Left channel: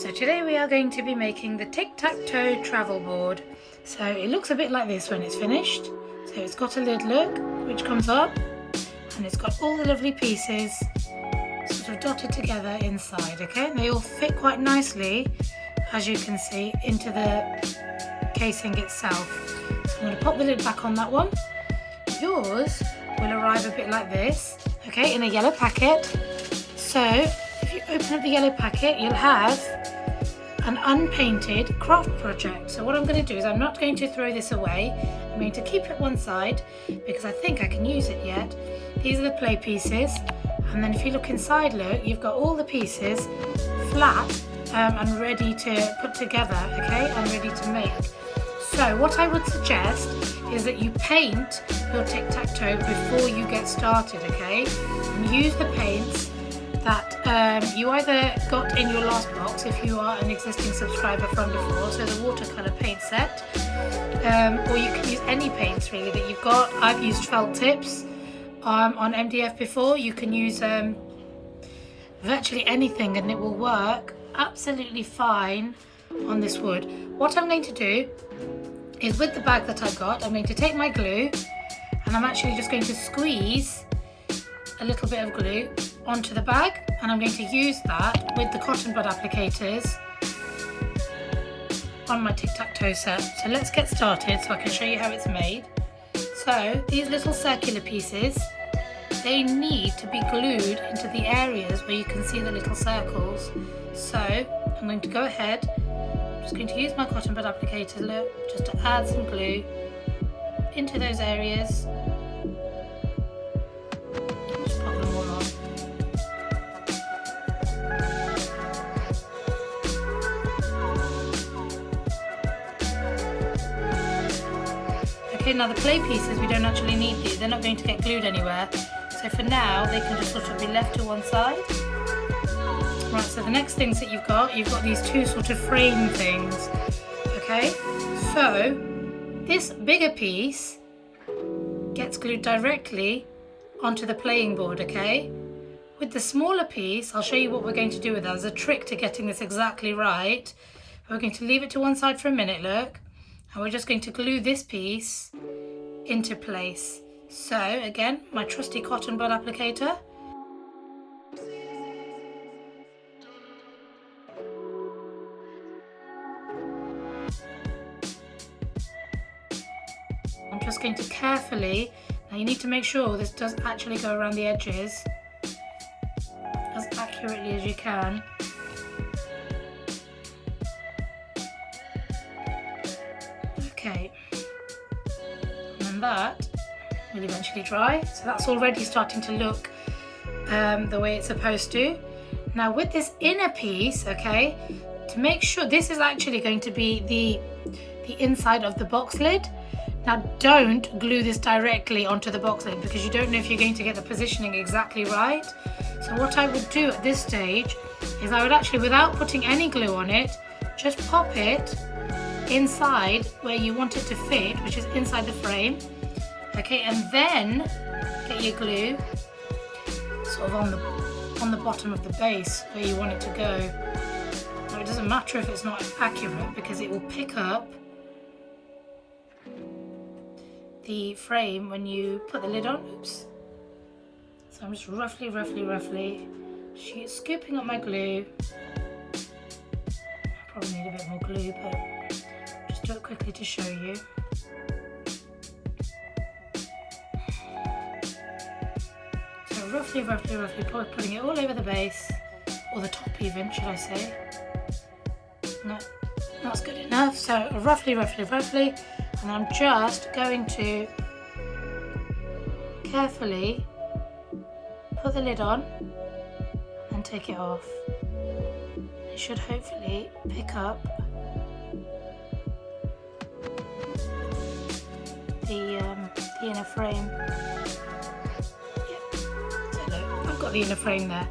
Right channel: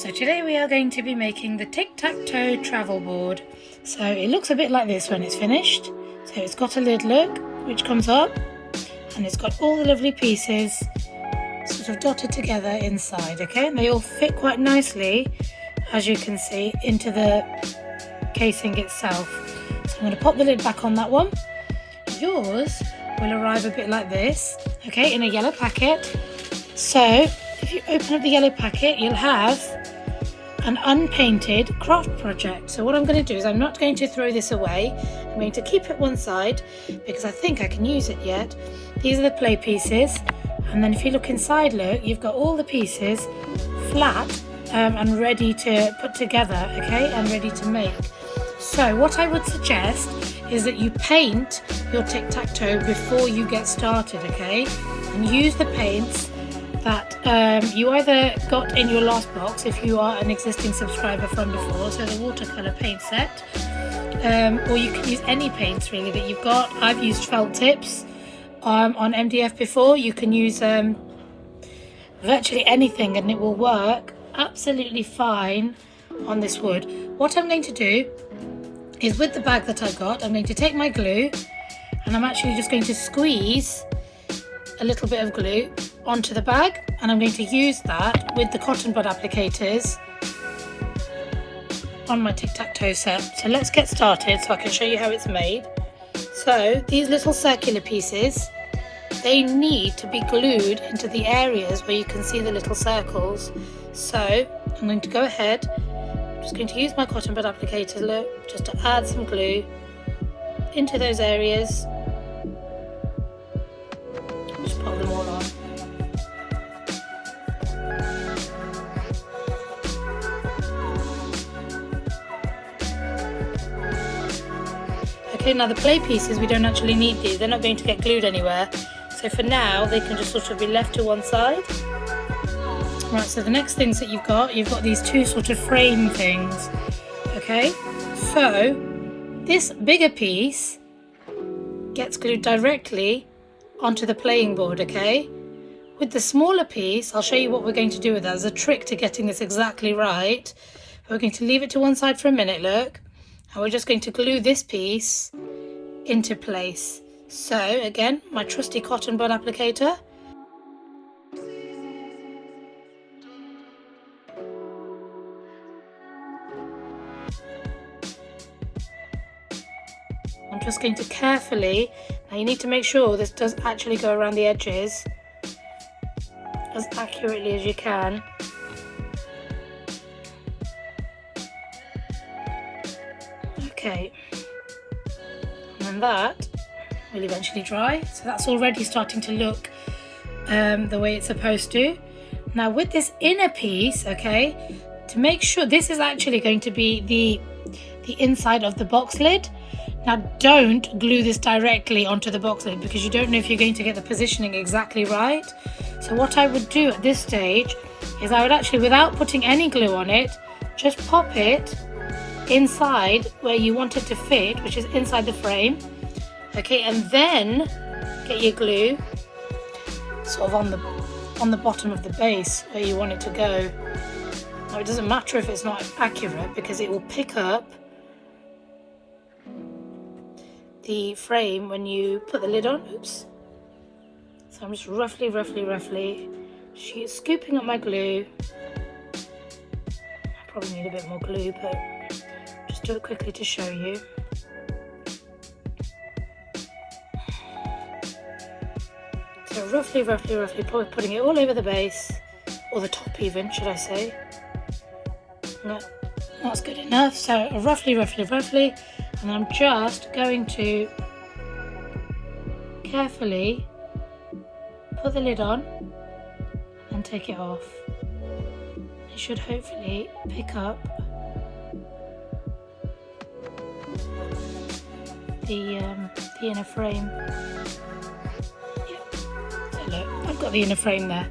So today we are going to be making the tic-tac-toe travel board. So it looks a bit like this when it's finished. So it's got a lid look which comes up, and it's got all the lovely pieces sort of dotted together inside, okay? And they all fit quite nicely, as you can see, into the casing itself. So I'm going to pop the lid back on that one. Yours will arrive a bit like this, okay, in a yellow packet. So if you open up the yellow packet, you'll have an unpainted craft project. So what I'm going to do is I'm not going to throw this away. I'm going to keep it one side because I think I can use it yet. These are the play pieces, and then if you look inside, look, you've got all the pieces flat and ready to put together, okay, and ready to make. So what I would suggest is that you paint your tic-tac-toe before you get started, okay, and use the paints that you either got in your last box if you are an existing subscriber from before, so the watercolour paint set, or you can use any paints really that you've got. I've used felt tips on MDF before. You can use virtually anything and it will work absolutely fine on this wood. What I'm going to do is, with the bag that I got, I'm going to take my glue and I'm actually just going to squeeze a little bit of glue onto the bag, and I'm going to use that with the cotton bud applicators on my tic-tac-toe set. So let's get started so I can show you how it's made. So these little circular pieces, they need to be glued into the areas where you can see the little circles. So I'm going to go ahead, I'm just going to use my cotton bud applicator, look, just to add some glue into those areas. Just pop them all on. Okay, now the play pieces, we don't actually need these, they're not going to get glued anywhere. So for now, they can just sort of be left to one side. Right, so the next things that you've got these two sort of frame things, okay? So this bigger piece gets glued directly onto the playing board, okay? With the smaller piece, I'll show you what we're going to do with that. There's a trick to getting this exactly right. We're going to leave it to one side for a minute, look. And we're just going to glue this piece into place. So again, my trusty cotton bud applicator. I'm just going to carefully, now you need to make sure this does actually go around the edges as accurately as you can. Okay, and then that will eventually dry, so that's already starting to look the way it's supposed to. Now with this inner piece, okay, to make sure this is actually going to be the inside of the box lid. Now don't glue this directly onto the box lid because you don't know if you're going to get the positioning exactly right. So what I would do at this stage is I would actually, without putting any glue on it, just pop it inside where you want it to fit, which is inside the frame, okay, and then get your glue sort of on the bottom of the base where you want it to go. Now it doesn't matter if it's not accurate because it will pick up the frame when you put the lid on. Oops. So I'm just roughly scooping up my glue. I probably need a bit more glue, but just do it quickly to show you. So roughly putting it all over the base, or the top even, should I say. No, that's good enough. So roughly, and I'm just going to carefully put the lid on and take it off. It should hopefully pick up the inner frame. Yeah. So look, I've got the inner frame there.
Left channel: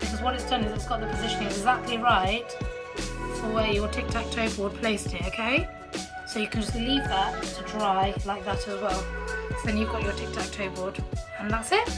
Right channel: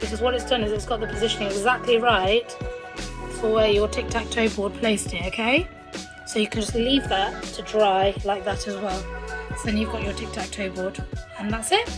Because what it's done is it's got the positioning exactly right for where your tic-tac-toe board placed it, okay? So you can just leave that to dry like that as well. So then you've got your tic-tac-toe board, and that's it.